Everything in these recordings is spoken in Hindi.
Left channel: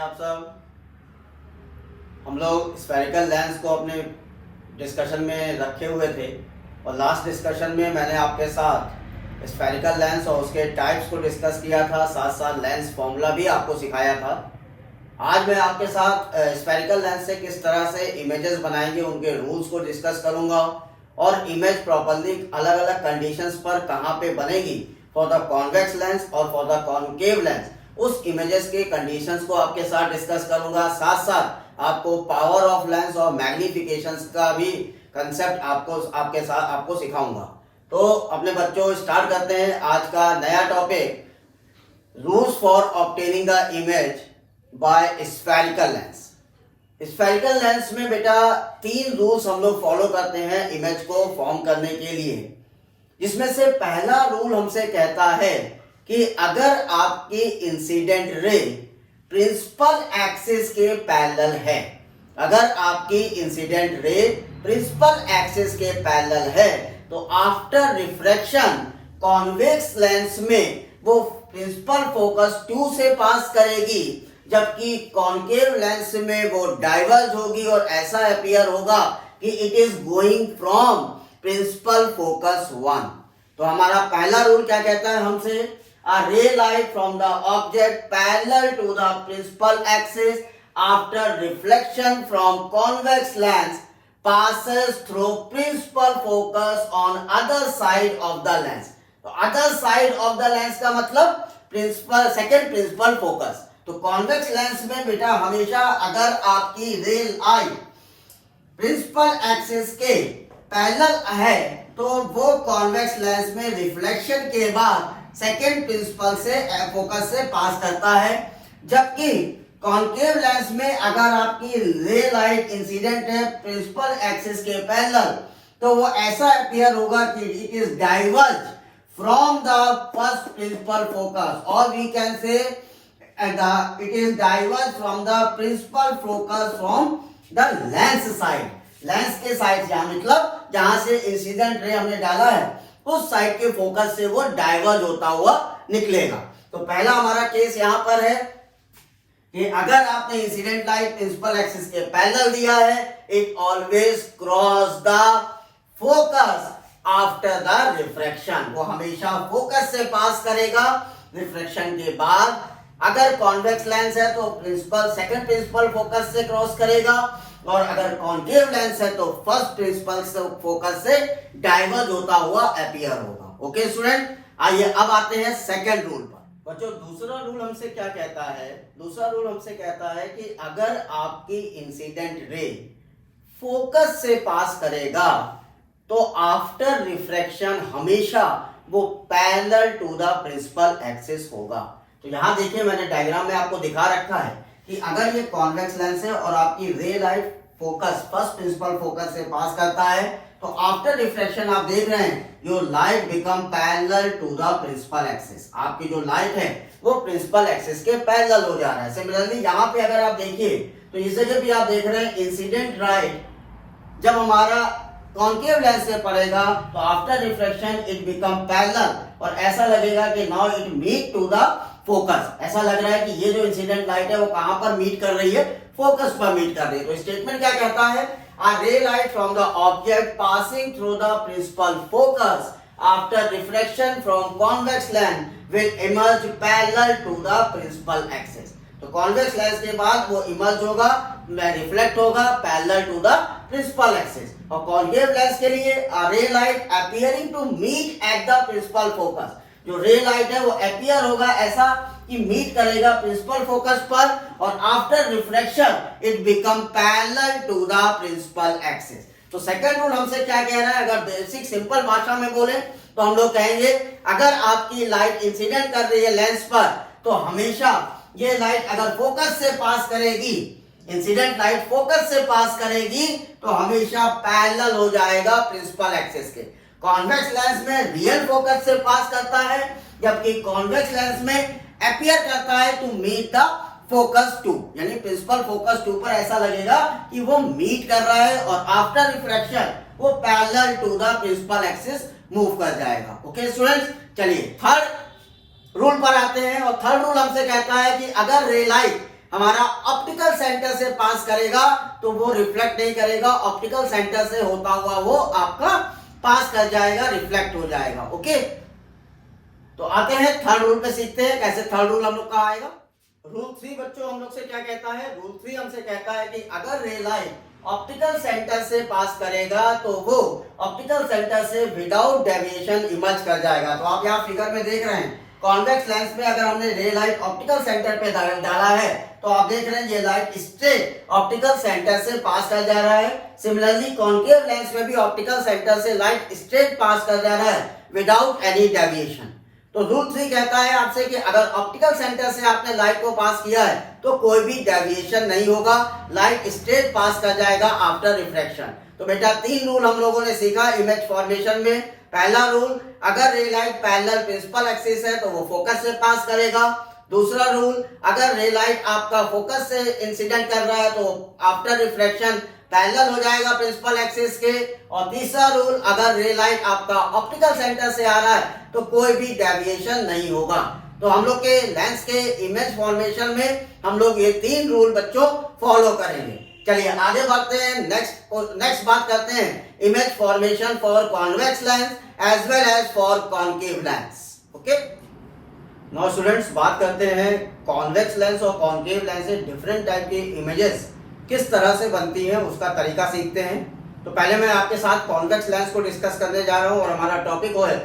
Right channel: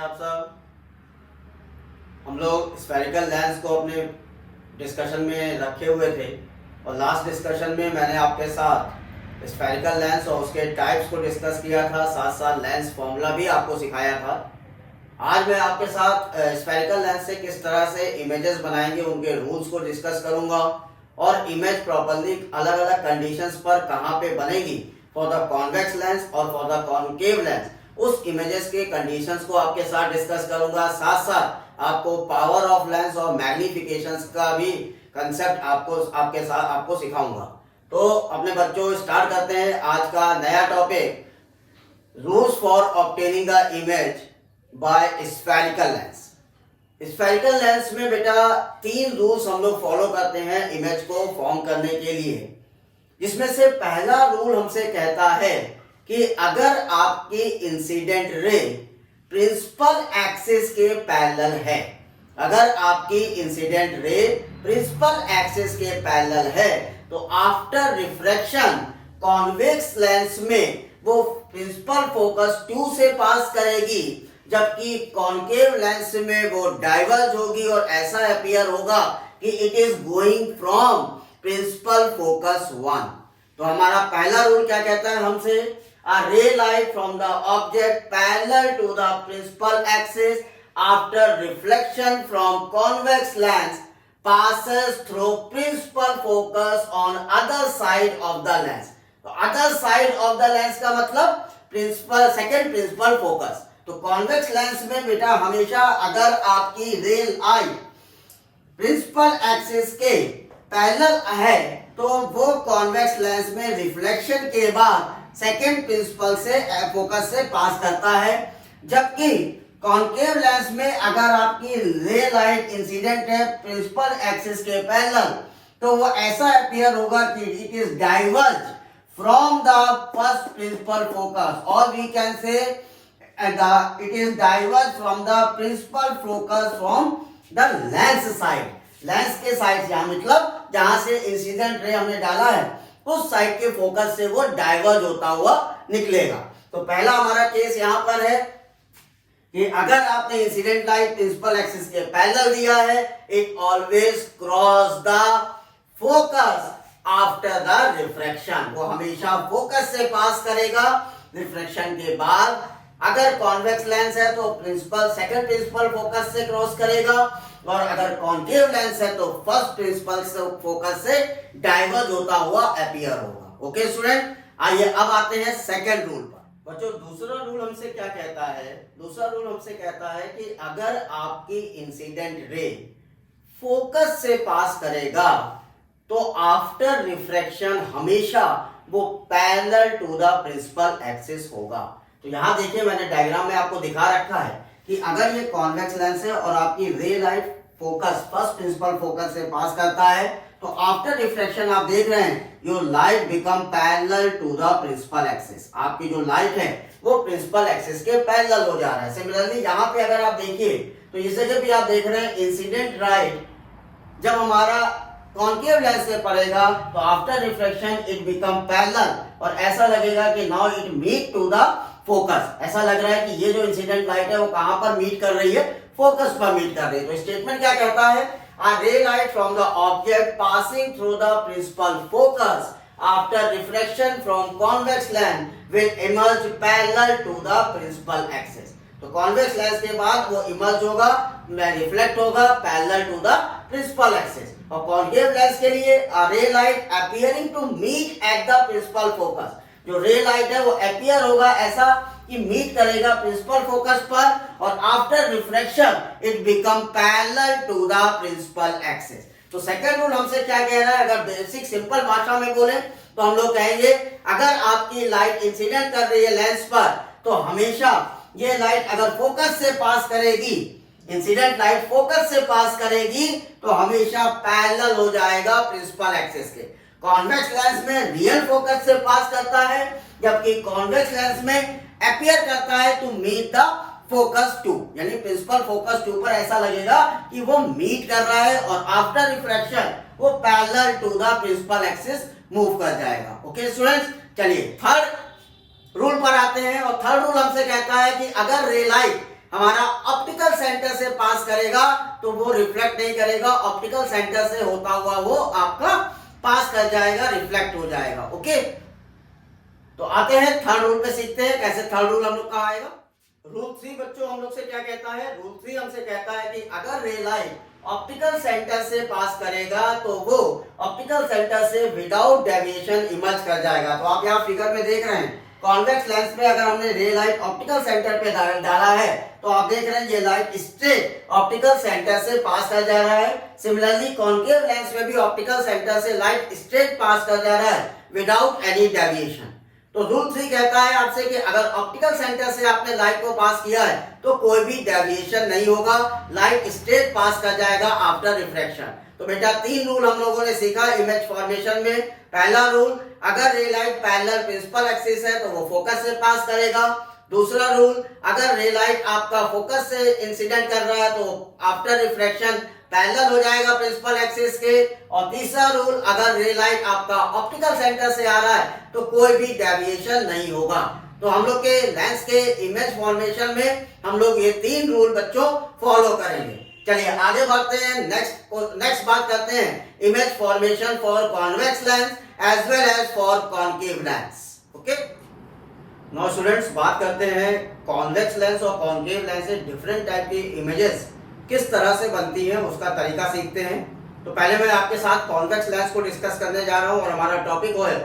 आप सब। हम लोग स्फेरिकल लेंस को अपने डिस्कशन में रखे हुए थे और लास्ट डिस्कशन में मैंने आपके साथ स्फेरिकल लेंस और उसके टाइप्स को डिस्कस किया था, साथ साथ लेंस फॉर्मूला भी आपको सिखाया था। आज मैं आपके साथ स्फेरिकल लेंस से किस तरह से इमेजेस बनाएंगे उनके रूल्स को डिस्कस करूंगा और इमेज प्रॉपर्ली अलग अलग कंडीशंस पर कहाँ पे बनेगी फॉर द कॉन्वेक्स लेंस और फॉर द कॉन्केव लेंस, उस इमेजेस के कंडीशंस को आपके साथ डिस्कस करूंगा। साथ साथ आपको पावर ऑफ लेंस और मैग्निफिकेशंस का भी कंसेप्ट आपको सिखाऊंगा। तो अपने बच्चों स्टार्ट करते हैं आज का नया topic, rules for obtaining the image by spherical lens. Spherical lens में बेटा 3 रूल्स हम लोग फॉलो करते हैं इमेज को फॉर्म करने के लिए, जिसमें से पहला रूल हमसे कहता है कि अगर आपकी इंसिडेंट रे प्रिंसिपल एक्सिस के पैरेलल है, अगर आपकी इंसिडेंट रे प्रिंसिपल एक्सिस के पैरेलल है तो आफ्टर रिफ्रैक्शन कॉन्वेक्स लेंस में वो प्रिंसिपल फोकस 2 से पास करेगी, जबकि कॉन्केव लेंस में वो डाइवर्ज होगी और ऐसा अपीयर होगा कि it is going from principal focus 1। तो हमारा पहला रूल क्या कहता है हमसे, a ray light from the object parallel to the principal axis after reflection from convex lens passes through principal focus on other side of the lens। तो other side of the lens का मतलब प्रिंसिपल सेकेंड प्रिंसिपल फोकस। तो कॉन्वेक्स लेंस में बेटा हमेशा अगर आपकी रे लाइट प्रिंसिपल एक्सिस के पैरेलल है तो वो कॉन्वेक्स लेंस में रिफ्लेक्शन के बाद सेकेंड प्रिंसिपल से फोकस से पास करता है, जबकि कॉन्केव लेंस में अगर आपकी रे लाइट इंसिडेंट है प्रिंसिपल एक्सिस के पैरेलल तो वो ऐसा अपीयर होगा कि it is diverge from the first principal focus, और we can say it is diverge from the principal focus from the lens side. Lens के साइड से मतलब जहां से इंसिडेंट रे हमने डाला है उस साइड के फोकस से वो डाइवर्ज होता हुआ निकलेगा। तो पहला हमारा केस यहां पर है कि अगर आपने इंसिडेंट लाइट प्रिंसिपल एक्सिस के पैरेलल दिया है, it always cross the focus after the refraction, वो हमेशा फोकस से पास करेगा रिफ्रैक्शन के बाद। अगर कॉन्वेक्स लेंस है तो सेकंड प्रिंसिपल फोकस से क्रॉस करेगा, और अगर कॉन्केव लेंस है तो फर्स्ट प्रिंसिपल फोकस से डाइवर्ज होता हुआ अपीयर होगा। ओके स्टूडेंट, आइए अब आते हैं सेकंड रूल पर। बच्चों दूसरा रूल हमसे क्या कहता है, दूसरा रूल हमसे कहता है कि अगर आपकी इंसिडेंट रे फोकस से पास करेगा तो आफ्टर रिफ्रैक्शन हमेशा वो parallel to the principal axis होगा। तो यहां देखिए मैंने डायग्राम में आपको दिखा रखा है कि अगर ये कॉन्वेक्स लेंस है और आपकी ray light focus first principal focus से पास करता है तो आफ्टर रिफ्लेक्शन आप देख रहे हैं your light become parallel to the principal axis, आपकी जो लाइट है वो प्रिंसिपल एक्सिस के पैरेलल हो जा रहा है। सिमिलरली यहाँ पे अगर आप देखिए तो इस जगह भी आप देख रहे हैं इंसिडेंट लाइट जब हमारा कॉन्केव लेंस से पड़ेगा तो after reflection it become parallel, और ऐसा लगेगा कि now it meet to the focus. ऐसा लग रहा है कि ये जो इंसिडेंट लाइट है वो कहां पर मीट कर रही है, फोकस पर मीट कर रही है। तो स्टेटमेंट क्या कहता है, a ray light from the object passing through the principal focus after reflection from convex lens will emerge parallel to the principal axis। तो कॉन्वेक्स लेंस के बाद वो इमर्ज होगा, रिफ्लेक्ट होगा parallel to the principal axis. और कॉन्केव लेंस के लिए a ray light appearing to meet at the principal focus, जो रे लाइट है वो अपीयर होगा ऐसा कि मीट करेगा प्रिंसिपल फोकस पर, और after reflection it become parallel to the principal axis. तो सेकंड रूल हमसे क्या कह रहा है, अगर बेसिक सिंपल भाषा में बोले तो हम लोग कहेंगे अगर आपकी लाइट इंसिडेंट कर रही है लेंस पर तो हमेशा ये लाइट अगर फोकस से पास करेगी, इंसिडेंट लाइट फोकस से पास करेगी तो हमेशा पैरेलल हो जाएगा प्रिंसिपल एक्सिस के। कॉन्वेक्स लेंस में रियल फोकस से पास करता है, जबकि कॉन्वेक्स लेंस में अपीयर करता है टू मीट द फोकस 2, यानी प्रिंसिपल फोकस 2 पर ऐसा लगेगा कि वो मीट कर रहा है और आफ्टर रिफ्रैक्शन वो parallel to the principal axis move कर जाएगा। ओके स्टूडेंट्स, चलिए थर्ड रूल पर आते हैं। और थर्ड रूल हमसे कहता है कि अगर रे लाइट हमारा ऑप्टिकल सेंटर से पास करेगा तो वो रिफ्लेक्ट नहीं करेगा, ऑप्टिकल सेंटर से होता हुआ वो आपका पास कर जाएगा, रिफ्लेक्ट हो जाएगा। ओके, तो आते हैं थर्ड रूल पे, सीखते हैं कैसे थर्ड रूल हम लोग का आएगा। रूल 3 बच्चों हम लोग से क्या कहता है, रूल 3 हमसे कहता है कि अगर रे लाइट ऑप्टिकल सेंटर से पास करेगा तो वो ऑप्टिकल सेंटर से विदाउट डेविएशन इमर्ज कर जाएगा। तो आप यहाँ फिगर में देख रहे हैं, कॉन्वेक्स लेंस में अगर हमने रे लाइट ऑप्टिकल सेंटर पे डाला है तो आप देख रहे हैं ये लाइट स्ट्रेट ऑप्टिकल सेंटर से पास कर जा रहा है। सिमिलरली कॉन्केव लेंस में भी ऑप्टिकल सेंटर से लाइट स्ट्रेट पास कर जा रहा है विदाउट एनी डेविएशन। तो रूल 3 कहता है आपसे कि अगर ऑप्टिकल सेंटर से आपने लाइट को पास किया है तो कोई भी डेविएशन नहीं होगा, लाइट स्ट्रेट पास कर जाएगा आफ्टर रिफ्रैक्शन। तो बेटा 3 रूल हम लोगों ने सीखा इमेज फॉर्मेशन में। पहला रूल, अगर रे लाइट पैरेलल प्रिंसिपल एक्सिस है तो वो फोकस से पास करेगा। दूसरा रूल, अगर रे लाइट आपका फोकस से इंसिडेंट कर रहा है तो आफ्टर रिफ्रैक्शन पैरेलल हो जाएगा प्रिंसिपल एक्सिस के। और तीसरा रूल, अगर रे लाइट आपका ऑप्टिकल सेंटर से आ रहा है तो कोई भी डेविएशन नहीं होगा। तो हम लोग के लेंस के इमेज फॉर्मेशन में हम लोग ये 3 रूल बच्चों फॉलो करेंगे। चलिए आगे बढ़ते हैं, नेक्स्ट बात करते हैं image formation for convex lens as well as for concave lens. Okay, now students बात करते हैं कॉन्वेक्स लेंस और कॉन्केव लेंस से डिफरेंट टाइप की इमेजेस किस तरह से बनती हैं उसका तरीका सीखते हैं। तो पहले मैं आपके साथ कॉन्वेक्स लेंस को डिस्कस करने जा रहा हूं और हमारा टॉपिक वो है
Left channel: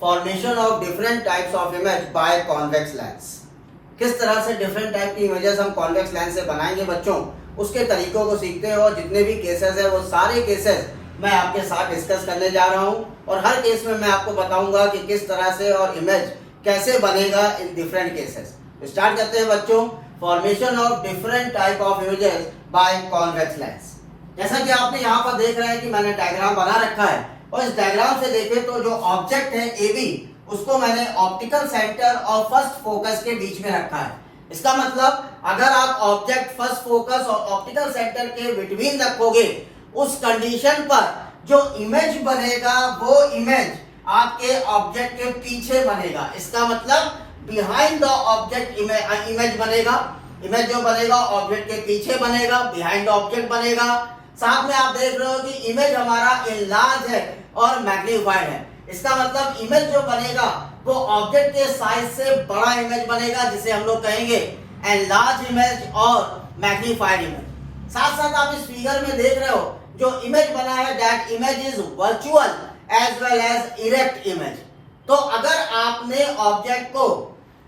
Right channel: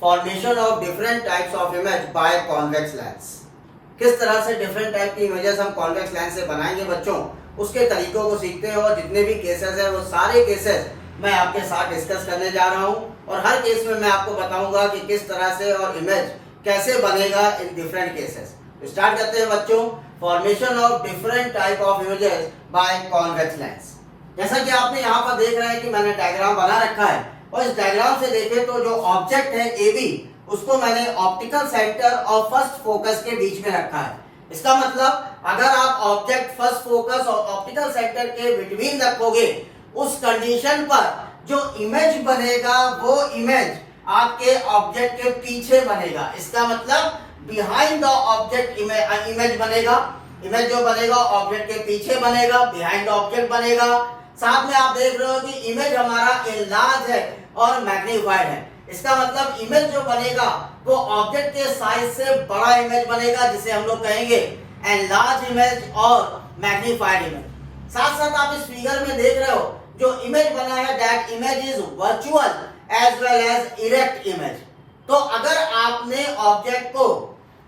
formation of different types of image by convex lens. किस तरह से डिफरेंट टाइप की इमेजेस हम कॉन्वेक्स लेंस से बनाएंगे बच्चों, उसके तरीकों को सीखते हैं। और जितने भी केसेस है वो सारे केसेस मैं आपके साथ डिस्कस करने जा रहा हूं और हर केस में मैं आपको बताऊंगा कि किस तरह से और इमेज कैसे बनेगा इन डिफरेंट केसेस। स्टार्ट करते हैं बच्चों, formation of different type of images by convex lens. जैसा कि आपने यहाँ पर देख रहे हैं कि मैंने डायग्राम बना रखा है और इस डायग्राम से देखें तो जो ऑब्जेक्ट है AB उसको मैंने ऑप्टिकल सेंटर और फर्स्ट फोकस के बीच में रखा है। इसका मतलब अगर आप ऑब्जेक्ट फर्स्ट फोकस और ऑप्टिकल सेंटर के बिटवीन रखोगे उस कंडीशन पर जो इमेज बनेगा वो इमेज आपके ऑब्जेक्ट के पीछे बनेगा। इसका मतलब बिहाइंड द ऑब्जेक्ट इमेज बनेगा। इमेज जो बनेगा ऑब्जेक्ट के पीछे बनेगा, बिहाइंड ऑब्जेक्ट बनेगा। साथ में आप देख रहे हो कि इमेज हमारा एनलार्ज है और मैग्नीफाइड है। इसका मतलब इमेज जो बनेगा वो ऑब्जेक्ट के साइज से बड़ा इमेज बनेगा जिसे हम लोग कहेंगे एनलार्ज इमेज और मैग्नीफाइड इमेज। साथ साथ आप इस फिगर में देख रहे हो जो इमेज बना है that image is virtual as well as erect image. तो अगर आपने ऑब्जेक्ट को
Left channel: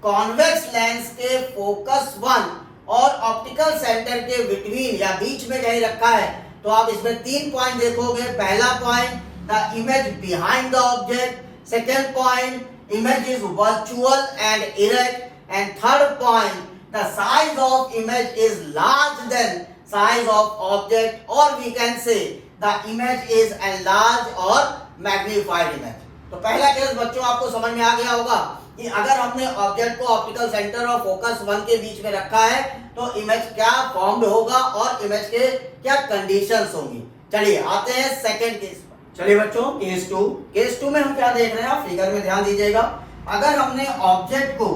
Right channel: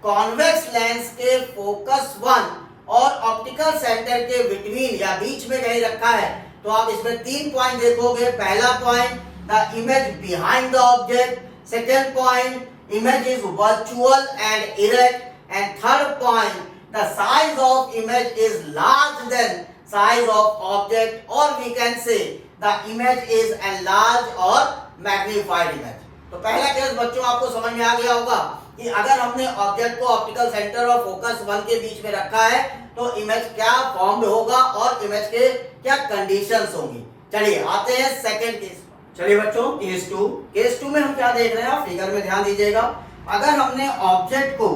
कॉन्वेक्स लेंस के फोकस 1 और ऑप्टिकल सेंटर के बिटवीन या बीच में कहीं रखा है तो आप इसमें 3 पॉइंट देखोगे। पहला point, the image behind the object. Second point, image is virtual and erect. And third point, the size of image is large than size of object और we can say the image is enlarge और मैग्नीफाइड इमेज। तो पहला केस बच्चों आपको समझ में आ गया होगा कि अगर हमने ऑब्जेक्ट को ऑप्टिकल सेंटर और फोकस 1 के बीच में रखा है तो इमेज क्या फॉर्म्ड होगा और इमेज के क्या कंडीशंस होंगी। चलिए आते हैं सेकंड केस पर। चलिए बच्चों केस 2। केस 2 में हम क्या देख रहे हैं, आप फिगर में ध्यान दीजिएगा। अगर हमने ऑब्जेक्ट को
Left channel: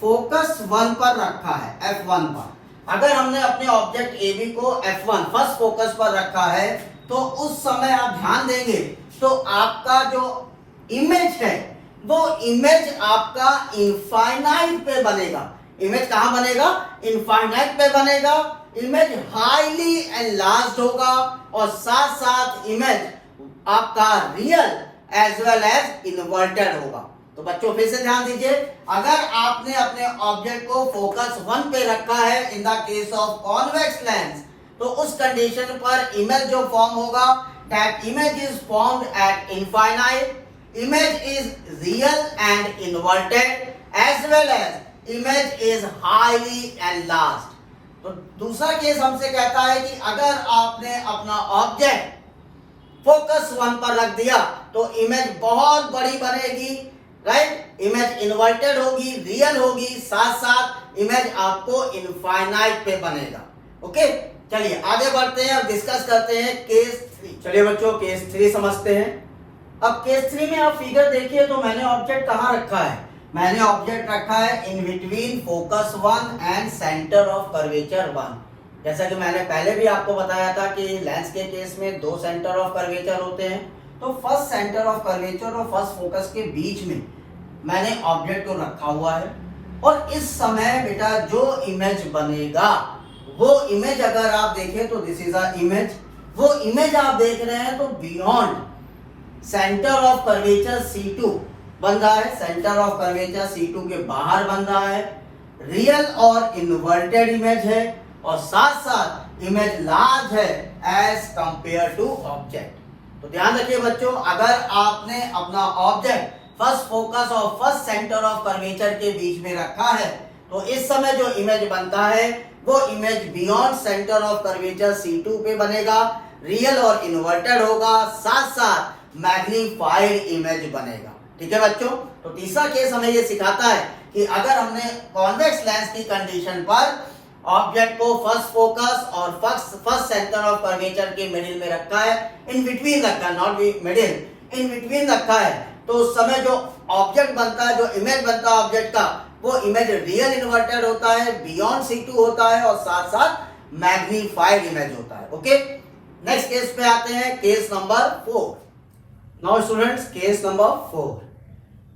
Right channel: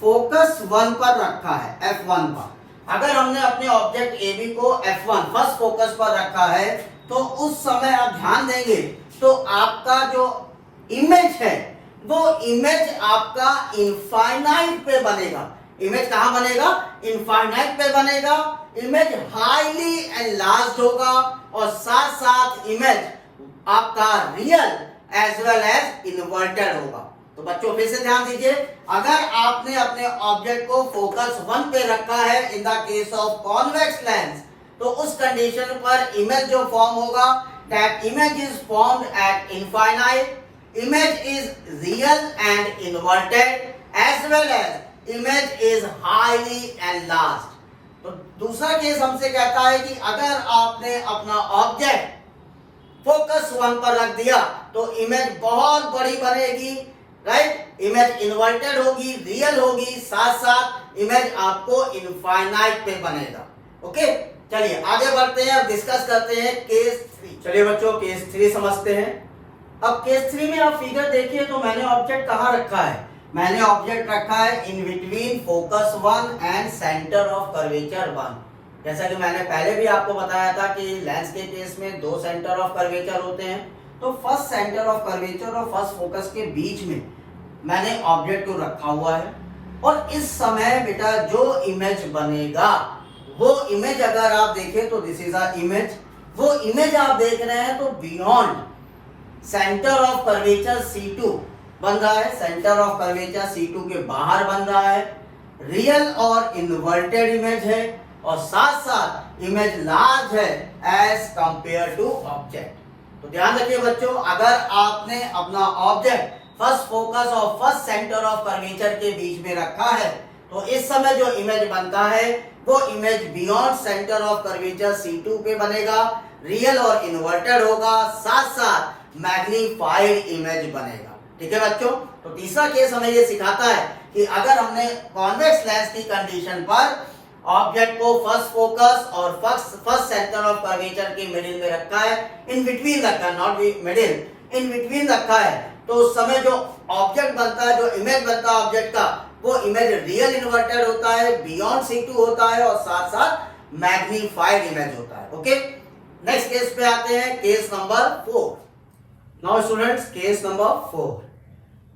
फोकस 1 पर रखा है, F1 पर, अगर हमने अपने ऑब्जेक्ट AB को F1 फर्स्ट फोकस पर रखा है तो उस समय आप ध्यान देंगे तो आपका जो इमेज है वो इमेज आपका इनफाइनाइट पे बनेगा। इमेज कहां बनेगा, इनफाइनाइट पे बनेगा। इमेज हाईली एनलार्ज्ड होगा और साथ साथ इमेज आपका real as well as inverted होगा। तो बच्चों फिर से ध्यान दीजिए, अगर आपने अपने ऑब्जेक्ट को फोकस 1 पे रखा है इन the case of convex lens तो उस कंडीशन पर इमेज जो फॉर्म होगा that image is formed at infinite, image is real and inverted as well as image is highly enlarged। तो दूसरा केस हमसे कहता है कि अगर आपने अपना ऑब्जेक्ट फोकस 1 पर रख दिया तो इमेज बहुत बड़ी बनेगी, राइट। इमेज इन्वर्टेड होगी, रियल होगी, साथ साथ इमेज आपको इनफाइनाइट पे बनेगा। ओके, चलिए आगे बढ़ते हैं और डिस्कस करते हैं केस 3। चलिए बच्चों केस 3 समझते हैं। अब केस 3 में आप फिगर देखिए तो मैंने ऑब्जेक्ट कहां रखा है, मैंने ऑब्जेक्ट रखा है in between focus 1 and centre of curvature 1। जैसा कि मैंने पहले भी आपको बताया था कि लेंस के केस में दो सेंटर ऑफ कर्वेचर होते हैं, तो फर्स्ट सेंटर ऑफ कर्वेचर और फर्स्ट फोकस के बीच में मैंने ऑब्जेक्ट को रखा हुआ है। और इस समय बेटा जो इमेज बनेगा वो इमेज अगर आप देखें तो दिस इज अ इमेज, वो इमेज आप देख रहे हैं तो beyond centre of curvature C2 बन रहा है, सेंटर ऑफ कर्वेचर C2 के बाहर बन रहा है, रियल और इन्वर्टेड इमेज है और साथ साथ इमेज लार्ज है एज कंपेयर टू ऑब्जेक्ट। तो ध्यान रखिए बच्चों, अगर आपने अपना ऑब्जेक्ट फर्स्ट फोकस और फर्स्ट सेंटर ऑफ कर्वेचर के बीच में रखा है तो इस समय जो इमेज बनता है वो image beyond centre of curvature C2 पे बनेगा, रियल और इन्वर्टेड होगा, साथ साथ मैग्नीफाइड इमेज बनेगा। ठीक है बच्चों, तो तीसरा केस हमें ये सिखाता है कि अगर हमने कॉन्वेक्स लेंस की कंडीशन पर ऑब्जेक्ट को फर्स्ट फोकस और फर्स्ट सेंटर ऑफ कर्वेचर के मिडिल में रखा है, इन बिटवीन रखा है, नॉट मिडिल, इन बिटवीन रखा है, तो उस समय जो ऑब्जेक्ट बनता है, जो इमेज बनता है ऑब्जेक्ट का, वो इमेज रियल इन्वर्टेड होता है, बियॉन्ड C2 होता है और साथ साथ मैग्नीफाइड इमेज होता है। ओके, नेक्स्ट केस पे आते हैं, case number 4। Now students, case number 4।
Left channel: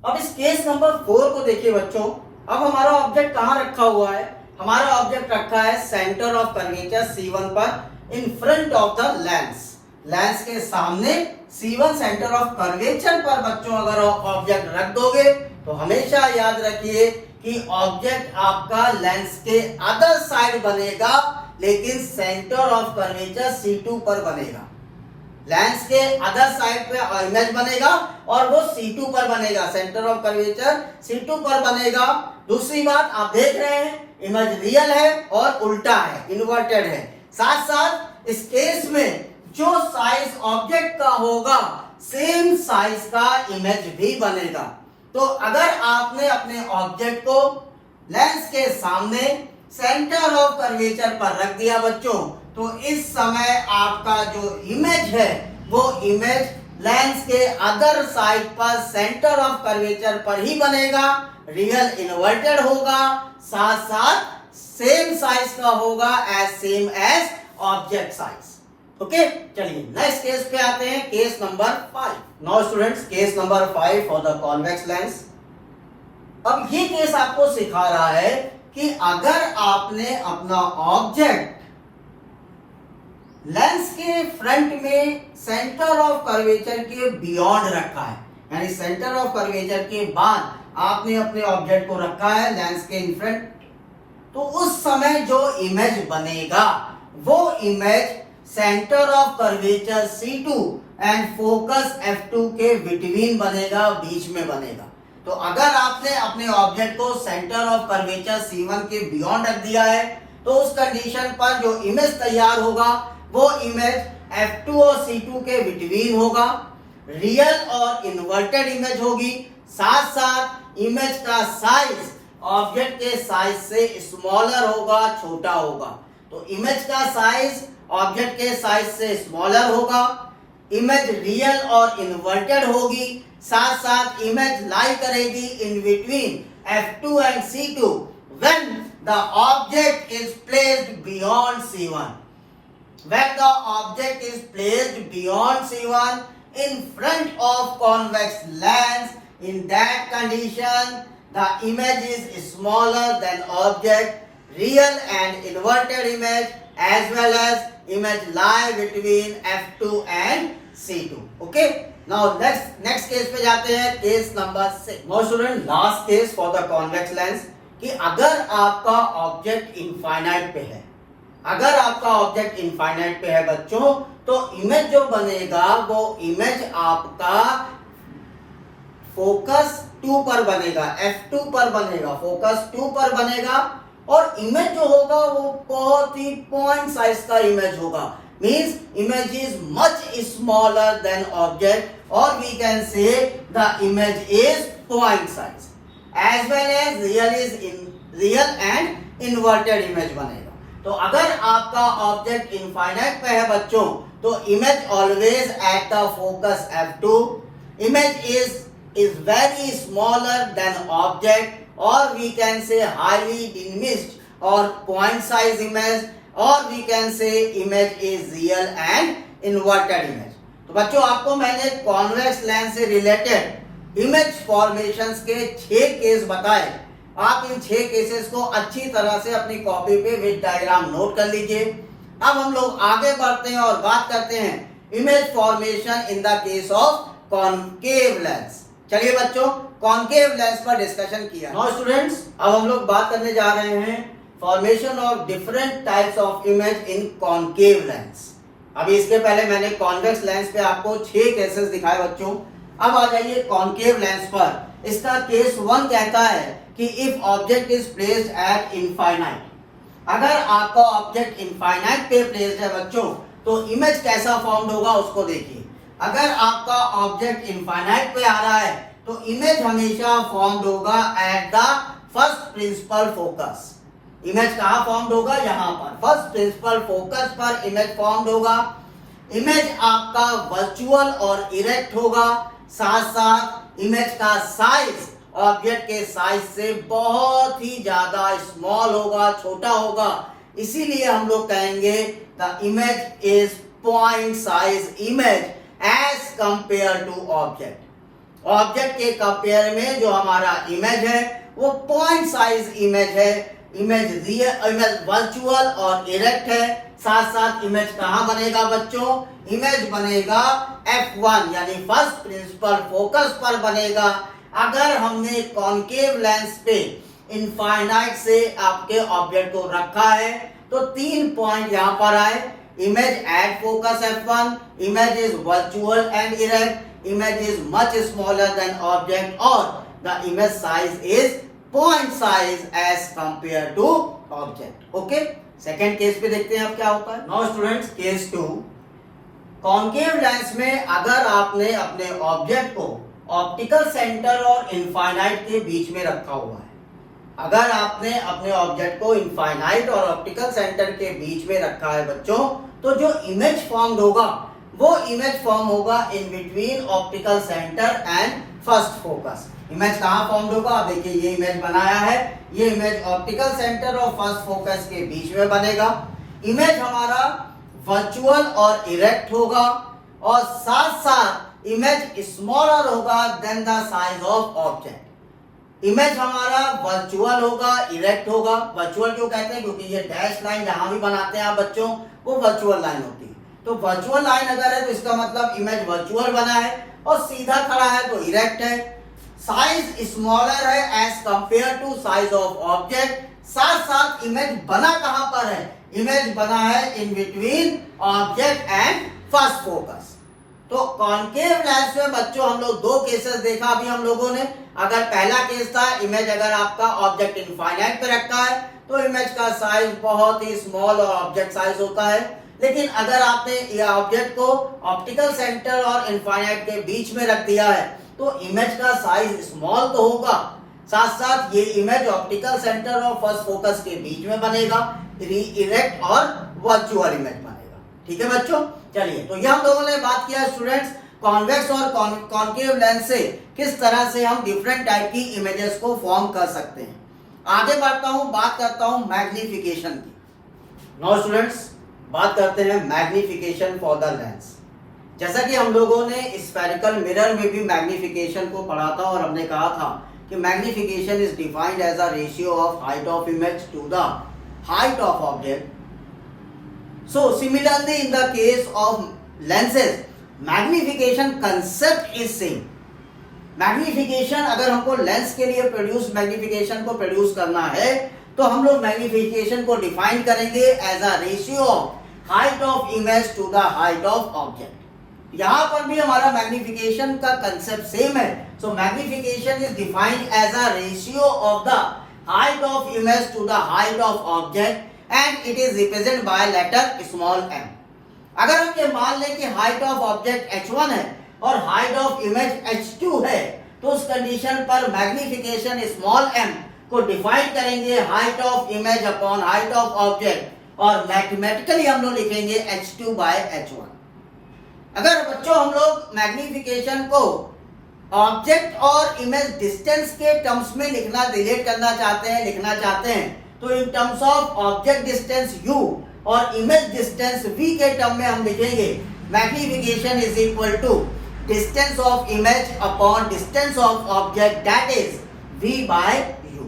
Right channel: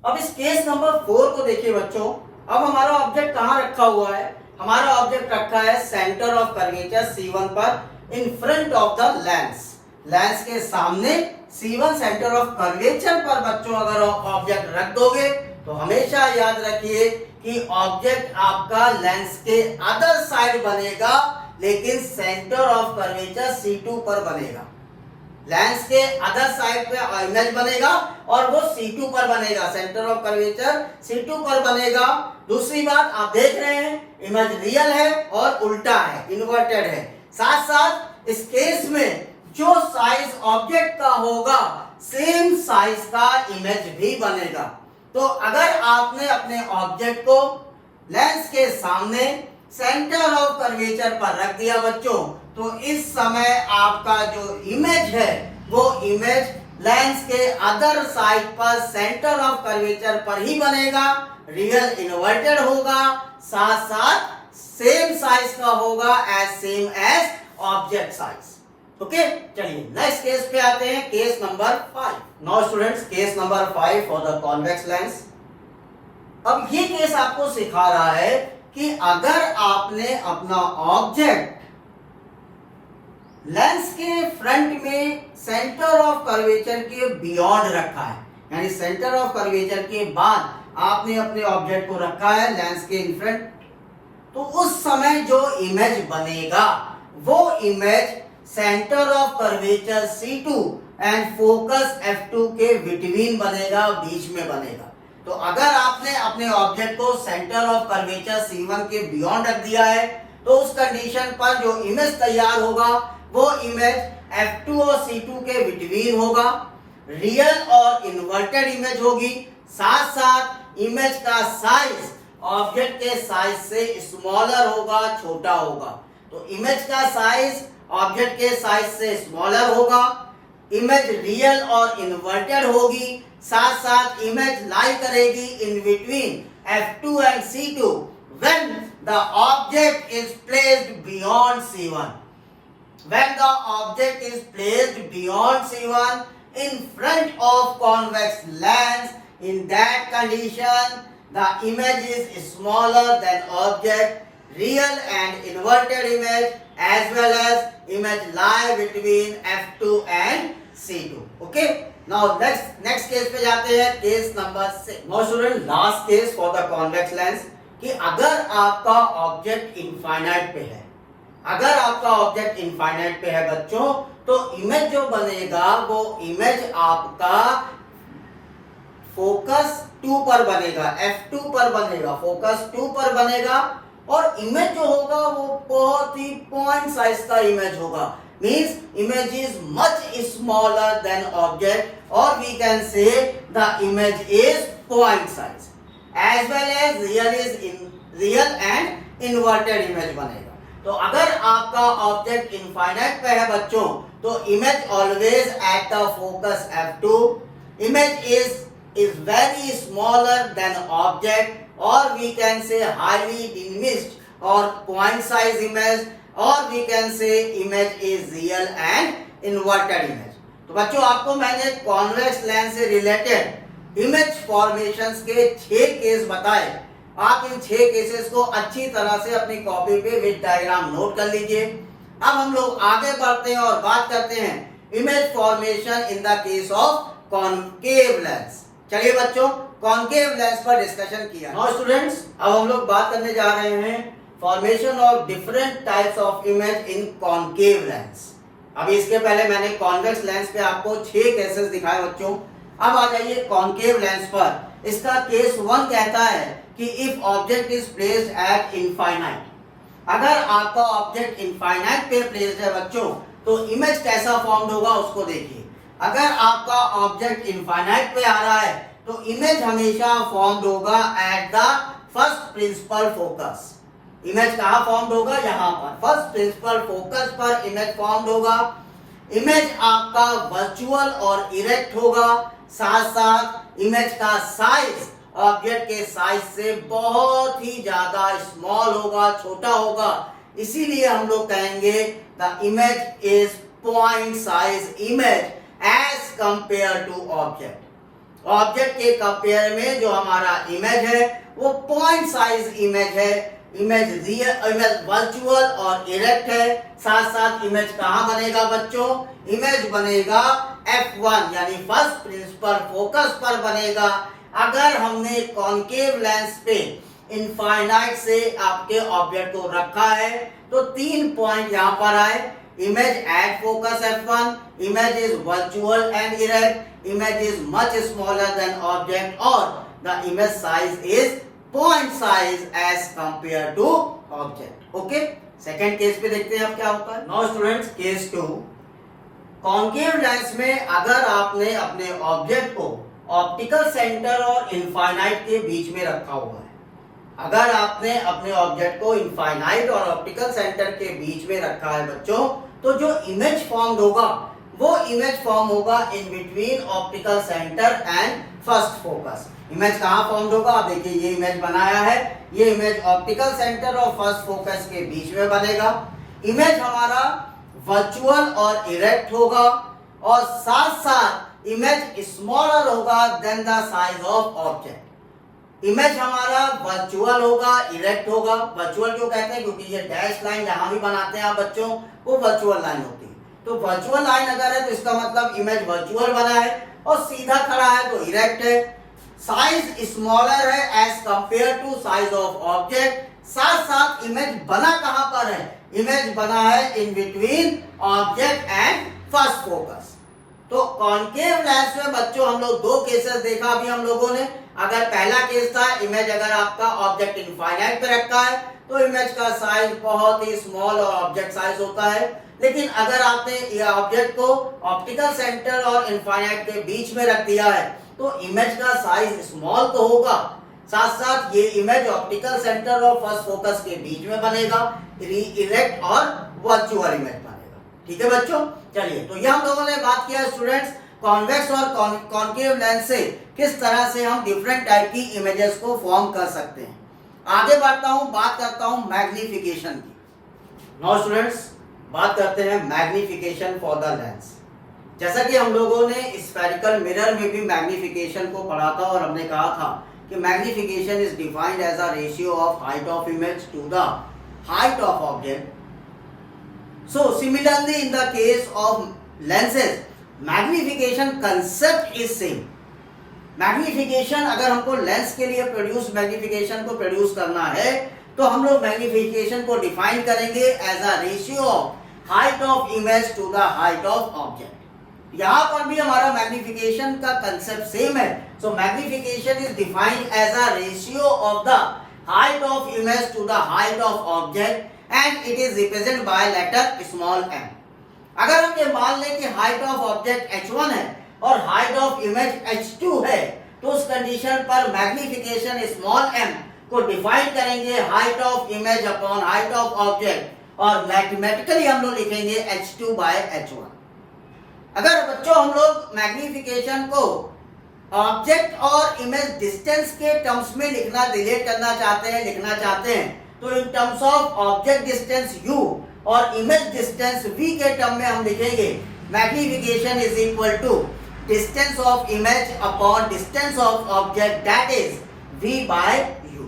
अब इस केस नंबर 4 को देखिए बच्चों, अब हमारा ऑब्जेक्ट कहां रखा हुआ है? हमारा ऑब्जेक्ट रखा है सेंटर ऑफ कर्वेचर C1 पर in front of the lens, lens के सामने C1 सेंटर ऑफ कर्वेचर पर बच्चों अगर ऑब्जेक्ट रख दोगे तो हमेशा याद रखिए कि ऑब्जेक्ट आपका लेंस के अदर साइड बनेगा लेकिन सेंटर ऑफ कर्वेचर C2 पर बनेगा। लेंस के अदर साइड पे इमेज बनेगा और वो C2 पर बनेगा, सेंटर ऑफ कर्वेचर C2 पर बनेगा। दूसरी बात आप देख रहे हैं इमेज रियल है और उल्टा है, इन्वर्टेड है। साथ साथ इस केस में जो साइज ऑब्जेक्ट का होगा सेम साइज का इमेज भी बनेगा। तो अगर आपने अपने ऑब्जेक्ट को लेंस के सामने सेंटर ऑफ कर्वेचर पर रख दिया बच्चों, तो इस समय आपका जो इमेज है वो इमेज लेंस के अदर साइड पर सेंटर ऑफ कर्वेचर पर ही बनेगा, रियल इन्वर्टेड होगा, साथ साथ सेम साइज का होगा as same as object size. Okay, चलिए नेक्स्ट केस पे आते हैं, case number 5। Now students, case number 5 for the convex lens. अब ये केस आपको सिखा रहा है कि अगर आपने अपना ऑब्जेक्ट लेंस के फ्रंट में सेंटर ऑफ कर्वेचर के बियॉन्ड रखा है, यानी सेंटर ऑफ कर्वेचर के बाद आपने अपने ऑब्जेक्ट को रखा है लेंस के इन फ्रंट, तो उस समय जो इमेज बनेगा वो image centre of curvature C2 and focus F2 के बिटवीन बनेगा, बीच में बनेगा। तो अगर आपने अपने ऑब्जेक्ट को सेंटर ऑफ कर्वेचर C1 के बियॉन्ड रख दिया है तो उस कंडीशन पर जो इमेज तैयार होगा वो इमेज F2 और C2 के बिटवीन होगा, रियल और इन्वर्टेड इमेज होगी, साथ साथ इमेज का साइज ऑब्जेक्ट के साइज से स्मॉलर होगा, छोटा होगा। तो इमेज का साइज ऑब्जेक्ट के साइज से स्मॉलर होगा, इमेज रियल और इन्वर्टेड होगी, साथ साथ इमेज लाई करेगी in between F2 and C2 when the object is placed beyond C1. When the object is placed beyond C1 in front of convex lens, in that condition the image is smaller than object, real and inverted image as well as image lie between F2 and C2. Okay, now next case पे जाते हैं, case number 6. Now student, last case for the convex lens कि अगर आपका ऑब्जेक्ट इनफाइनाइट पे है, अगर आपका ऑब्जेक्ट इनफाइनाइट पे है बच्चों, तो इमेज जो बनेगा वो इमेज आपका फोकस 2 पर बनेगा, F2 पर बनेगा, फोकस 2 पर बनेगा और इमेज जो होगा वो बहुत ही पॉइंट साइज का इमेज होगा, means image is much smaller than object और we can say the image is point size as well as real and inverted image बनेगा। तो अगर आपका ऑब्जेक्ट इनफाइनाइट पे है बच्चों तो image always at the focus F2, image is is very smaller than object, or we can say highly diminished or point size image, or we can say image is real and inverted image. तो बच्चों आपको मैंने कॉन्वेक्स लेंस से रिलेटेड इमेज फॉर्मेशंस के 6 केस बताए। आप इन 6 केसेस को अच्छी तरह से अपनी कॉपी पे विद डायग्राम नोट कर लीजिए। अब हम लोग आगे बढ़ते हैं और बात करते हैं image formation in the case of concave lens. चलिए बच्चों, कॉनकेव लेंस पर डिस्कशन किया। नाउ स्टूडेंट्स, अब हम लोग बात करने जा रहे हैं formation of different types of image in concave lens. अभी इसके पहले मैंने कॉन्वेक्स लेंस पे आपको 6 केसेस दिखाए बच्चों। अब आ जाइए कॉनकेव लेंस पर। इसका केस 1 कहता है कि if object is placed at infinite, अगर आपका ऑब्जेक्ट इनफाइनाइट पे प्लेस्ड है बच्चों, तो इमेज कैसा फॉर्म्ड होगा उसको देखिए। अगर आपका ऑब्जेक्ट इनफाइनाइट पे आ रहा है तो इमेज हमेशा फॉर्म्ड होगा at the first principal focus. Image कहाँ फॉर्म्ड होगा? यहाँ पर फर्स्ट प्रिंसिपल फोकस पर इमेज फॉर्म्ड होगा। इमेज आपका वर्चुअल और इरेक्ट होगा। साथ साथ इमेज का साइज ऑब्जेक्ट के साइज से बहुत ही ज्यादा स्मॉल होगा, छोटा होगा। इसीलिए हम लोग कहेंगे the image is point size image as compare to object. Object के कंपेयर में जो हमारा इमेज है वो पॉइंट साइज इमेज है। इमेज रियल, इमेज वर्चुअल और इरेक्ट है। साथ साथ इमेज कहाँ बनेगा बच्चों? इमेज बनेगा F1 यानी फर्स्ट प्रिंसिपल फोकस पर बनेगा। अगर हमने कॉनकेव लेंस पे इनफाइनाइट से आपके ऑब्जेक्ट को रखा है तो 3 पॉइंट यहाँ पर आए। Image at focus F1, image is virtual and erect, image is much smaller than object, और the image size is point size as compare to object. Okay, second case पे देखते हैं अब क्या होता है। Now students, case 2, concave lens में अगर आपने अपने ऑब्जेक्ट को ऑप्टिकल सेंटर और इनफाइनाइट के बीच में रखा हुआ है, अगर आपने अपने ऑब्जेक्ट को इनफाइनाइट और ऑप्टिकल सेंटर के बीच में रखा है बच्चों, तो जो इमेज फॉर्म्ड होगा वो इमेज फॉर्म होगा in between optical centre and first focus. Image कहाँ फॉर्म्ड होगा? आप देखिए, ये इमेज बनाया है, ये इमेज ऑप्टिकल सेंटर और फर्स्ट फोकस के बीच में बनेगा। इमेज हमारा वर्चुअल और इरेक्ट होगा, और साथ साथ इमेज स्मॉलर होगा then the size of object. Image हमारा वर्चुअल होगा, इरेक्ट होगा। वर्चुअल क्यों कहते हैं? क्योंकि ये डैश लाइन जहां भी बनाते हैं आप बच्चों, वो वर्चुअल लाइन होती है। तो वर्चुअल लाइन अगर है तो इसका मतलब इमेज वर्चुअल बना है, और सीधा खड़ा है तो इरेक्ट है। साइज स्मॉलर है as compare to size of object. साथ साथ इमेज बना कहां पर है? इमेज बना है in between object and first focus. तो कॉनकेव लेंस में बच्चों हम लोग 2 केसेस देखा अभी हम लोगों ने। अगर पहला केस था इमेज अगर आपका ऑब्जेक्ट इनफाइनाइट पे रखा है तो इमेज का साइज बहुत ही स्मॉल और ऑब्जेक्ट साइज होता है। लेकिन अगर आपने ऑब्जेक्ट को ऑप्टिकल सेंटर और इनफाइनाइट के बीच में रख दिया है तो इमेज का साइज स्मॉल तो होगा, साथ साथ ये इमेज ऑप्टिकल सेंटर और फर्स्ट फोकस के बीच में बनेगा, इरेक्ट और वर्चुअल इमेज बनेगा। ठीक है बच्चों, चलिए, तो ये हम लोगों ने बात किया स्टूडेंट्स कॉन्वेक्स और कॉनकेव लेंस से किस तरह से हम डिफरेंट टाइप की इमेजेस को फॉर्म कर सकते हैं। आगे बढ़ता हूं, बात करता हूं मैग्निफिकेशन की। नाउ स्टूडेंट्स, बात करते हैं मैग्निफिकेशन फॉर द लेंस। जैसा कि हम लोगों ने स्फेरिकल मिरर में भी मैग्निफिकेशन को पढ़ा था, और हमने कहा था कि magnification is defined as a ratio of height of image to the height of object. So similarly in the case of lenses magnification concept is same. Magnification अगर हमको लेंस के लिए मैग्निफिकेशन को प्रोड्यूस करना है तो हम लोग मैग्निफिकेशन को डिफाइन करेंगे as a ratio of height of image to the height of object. यहां पर भी हमारा मैग्निफिकेशन का कंसेप्ट सेम है। So magnification is defined as a ratio of the height of image to the height of object and it is represented by letter small m। अगर हम ये मान लें कि हाइट ऑफ ऑब्जेक्ट h1 है और हाइट ऑफ इमेज h2 है, तो उस कंडीशन पर मैग्निफिकेशन स्मॉल m को डिफाइन करेंगे height of image upon height of object, और मैथमेटिकली हम लोग लिखेंगे h2 by h1। अगर बच्चों हम लोग मैग्निफिकेशन को ऑब्जेक्ट और इमेज डिस्टेंस के टर्म्स में रिलेट करना चाहते हैं, लिखना चाहते हैं, तो in terms of object distance u और इमेज डिस्टेंस v के टर्म में हम लिखेंगे magnification is equal to distance of image upon distance of object, that is v by u।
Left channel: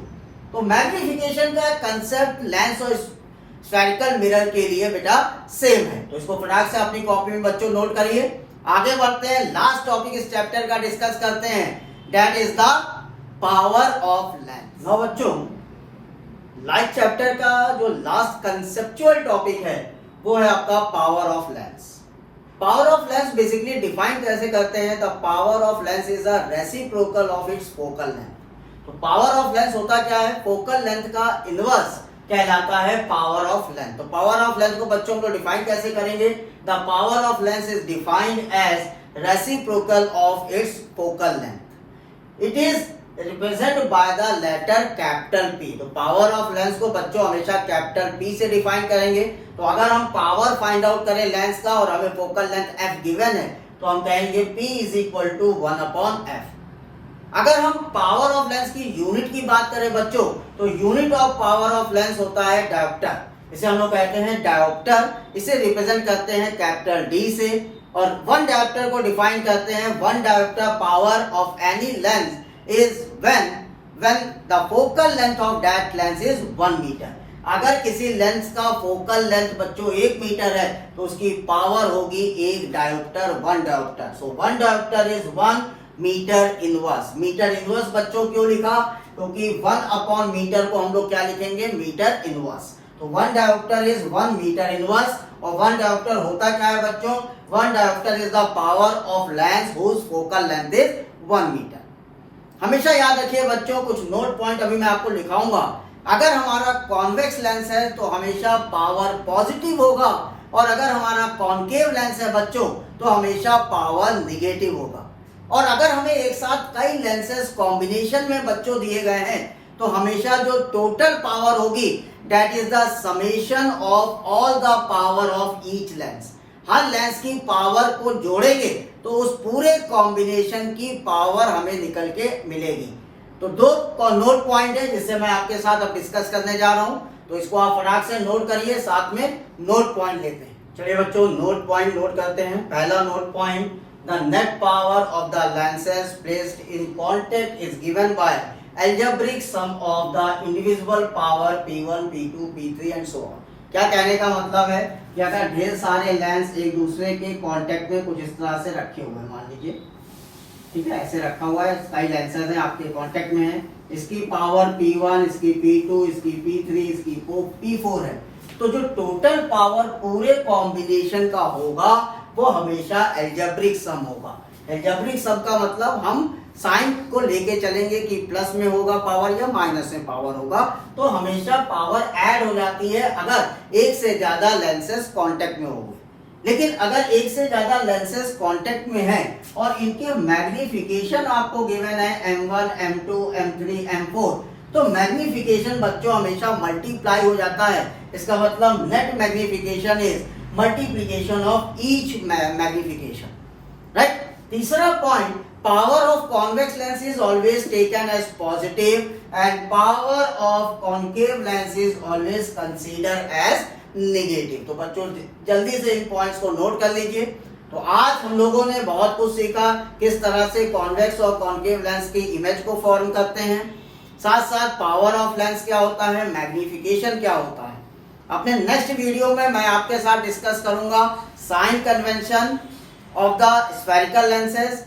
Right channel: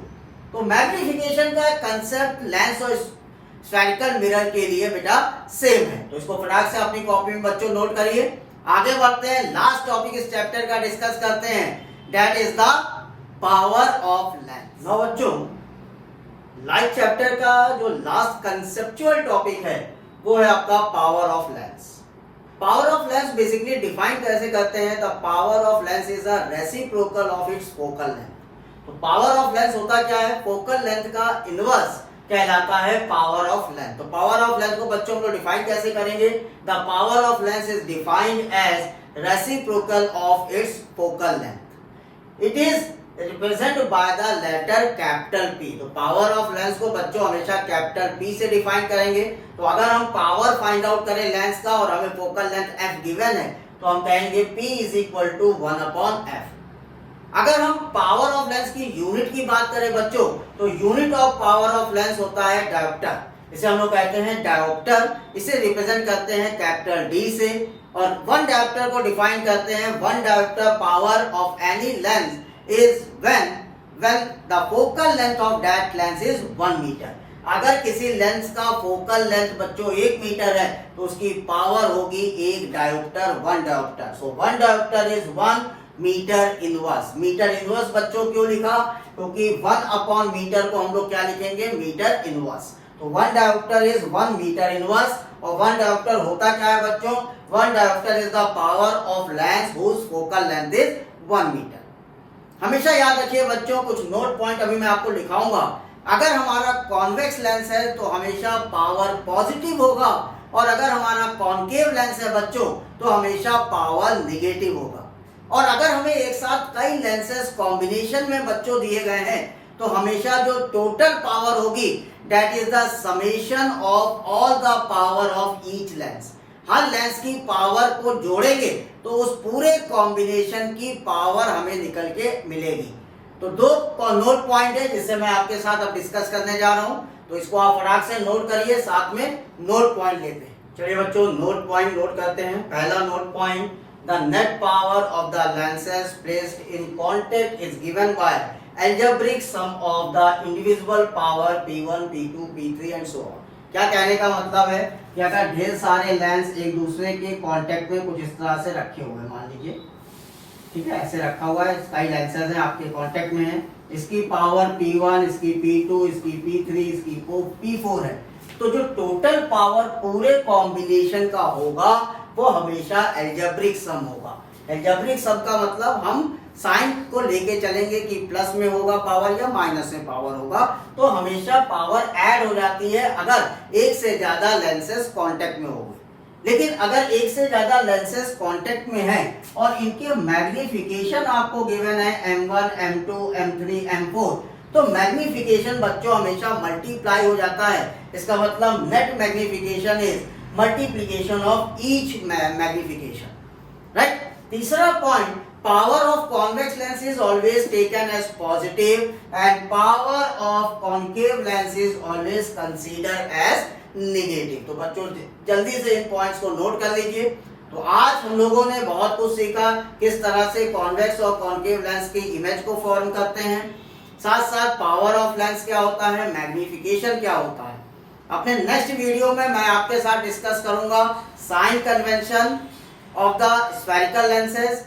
तो मैग्निफिकेशन का कंसेप्ट लेंस और स्फेरिकल मिरर के लिए बेटा सेम है, तो इसको फटाक से अपनी कॉपी में बच्चों नोट करिए। आगे बढ़ते हैं, लास्ट टॉपिक इस चैप्टर का डिस्कस करते हैं, that is the power of lens. Now बच्चों, लाइफ चैप्टर का जो लास्ट कंसेप्चुअल टॉपिक है वो है आपका power of lens. Power of lens basically define कैसे करते हैं, the power of lens is a reciprocal of its focal length. तो पावर ऑफ लेंस होता क्या है, फोकल लेंथ का इनवर्स कहलाता है पावर ऑफ लेंथ। तो पावर ऑफ लेंथ को बच्चों को डिफाइन कैसे करेंगे, the power of lens is defined as reciprocal of its focal length. It is represent by the letter capital P। तो पावर ऑफ लेंस को बच्चों हमेशा कैपिटल P से डिफाइन करेंगे। तो अगर हम पावर फाइंड आउट करें लेंस का और हमें फोकल लेंथ f गिवन है तो हम कहेंगे P is equal to 1/f। अगर हम पावर ऑफ लेंस की यूनिट की बात करें बच्चों, तो unit of power of lens होता है डायोप्टर, इसे हम लोग कहते हैं डायोप्टर। इसे रिप्रेजेंट करते हैं कैपिटल D से, और वन डायोप्टर को डिफाइन करते हैं, one dioptre power of any lens is when the focal length of that lens is 1 metre. अगर किसी लेंस का फोकल लेंथ बच्चों 1 मीटर है तो उसकी पावर होगी 1 dioptre, 1 dioptre. So 1 dioptre is 1 metre inverse. Metre inverse बच्चों क्यों लिखा, क्योंकि 1 मीटर को हम लोग क्या लिखेंगे, मीटर इनवर्स। तो 1 डायोप्टर इज 1 मीटर इनवर्स। और 1 डायोप्टर होता क्या है बच्चों, 1 dioptre is the power of lens whose focal length is 1 metre. हमेशा याद रखिए बच्चों, कुछ नोट पॉइंट अभी मैं आपको लिखाऊंगा। अगर हमारा कॉन्वेक्स लेंस है तो हमेशा पावर पॉजिटिव होगा, और अगर हमारा कॉनकेव लेंस है बच्चों तो हमेशा पावर निगेटिव होगा। और अगर हमें एक साथ कई लेंसेस कॉम्बिनेशन में बच्चों दिए गए हैं तो हमेशा जो टोटल पावर होगी that is the summation of all the power of each lens. Her lens की पावर को जोड़ेंगे तो उस पूरे कॉम्बिनेशन की पावर हमें निकल के मिलेगी। तो दो नोट पॉइंट है जिससे मैं आपके साथ अब डिस्कस करने जा रहा हूं, तो इसको आप फटाक से नोट करिए, साथ में नोट पॉइंट लेते हैं। चलिए बच्चों, नोट पॉइंट नोट करते हैं। पहला note point, the net power of the lenses placed in contact is given by algebraic sum of the individual power P1, P2, P3 and so on। क्या कहने का मतलब है कि अगर ढेर सारे लेंस एक दूसरे के कांटेक्ट में कुछ इस तरह से रखे हुए हैं, मान लीजिए, ठीक है, ऐसे रखा हुआ है, कई लेंसेज हैं आपके कांटेक्ट में है, इसकी पावर P1, इसकी P2, इसकी P3, इसकी P4 है, तो जो टोटल पावर पूरे कॉम्बिनेशन का होगा वो हमेशा एल्जेब्रिक सम होगा। एल्जेब्रिक सम का मतलब हम साइन को लेके चलेंगे कि प्लस में होगा पावर या माइनस में पावर होगा, तो हमेशा पावर ऐड हो जाती है अगर एक से ज्यादा लेंसेस कांटेक्ट में होंगे। लेकिन अगर एक से ज्यादा लेंसेस कांटेक्ट में हैं और इनके मैग्निफिकेशन आपको गिवन है M1, M2, M3, M4, तो मैग्निफिकेशन बच्चों हमेशा मल्टीप्लाई हो जाता है। इसका मतलब net magnification is multiplication of each magnification, right. तीसरा point, power of convex lens is always taken as positive and power of concave lens is always consider as negative. तो बच्चों जल्दी से इन पॉइंट्स को नोट कर लीजिए। तो आज हम लोगों ने बहुत कुछ सीखा, किस तरह से कॉन्वेक्स और कॉनकेव लेंस की इमेज को फॉर्म करते हैं, साथ साथ पावर ऑफ लेंस क्या होता है, मैग्निफिकेशन क्या होता है। अपने नेक्स्ट वीडियो में मैं आपके साथ डिस्कस करूंगा sign convention of the spherical lenses,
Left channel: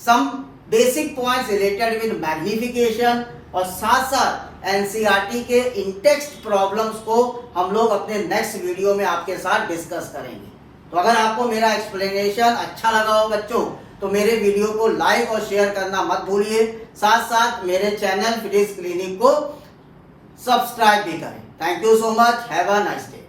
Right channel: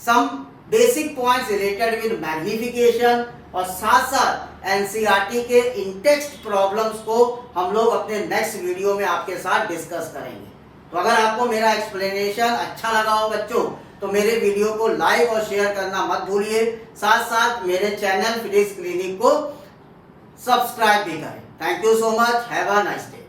some basic points related with magnification, और साथ साथ एनसीईआरटी के इन-टेक्स्ट प्रॉब्लम्स को हम लोग अपने नेक्स्ट वीडियो में आपके साथ डिस्कस करेंगे। तो अगर आपको मेरा एक्सप्लेनेशन अच्छा लगा हो बच्चों तो मेरे वीडियो को लाइक और शेयर करना मत भूलिए, साथ साथ मेरे चैनल फिजिक्स क्लिनिक को सब्सक्राइब भी करें। Thank you so much, have a nice day.